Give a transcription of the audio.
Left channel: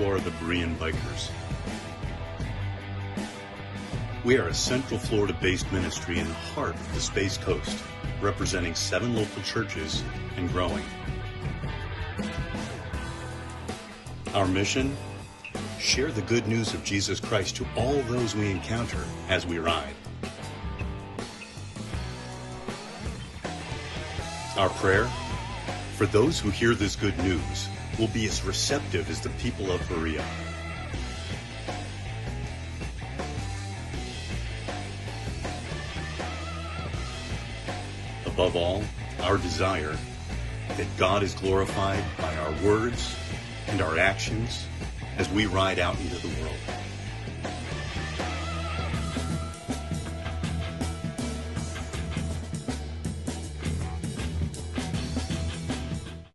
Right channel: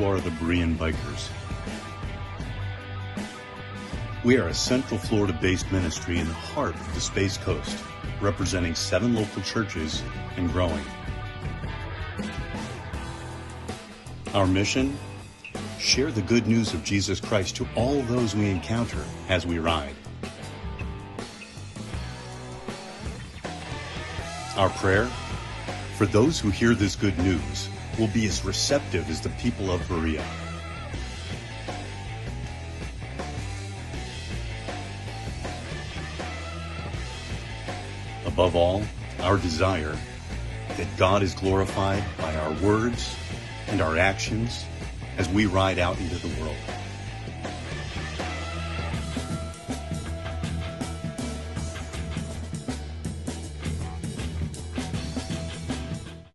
who are the Berean Bikers. We are a Central Florida-based ministry in the heart of the Space Coast, representing 7 local churches and growing. Our mission? Share the good news of Jesus Christ to all those we encounter as we ride. Our prayer? For those who hear this good news, will be as receptive as the people of Berea. Above all, our desire that God is glorified by our words and our actions as we ride out into the world.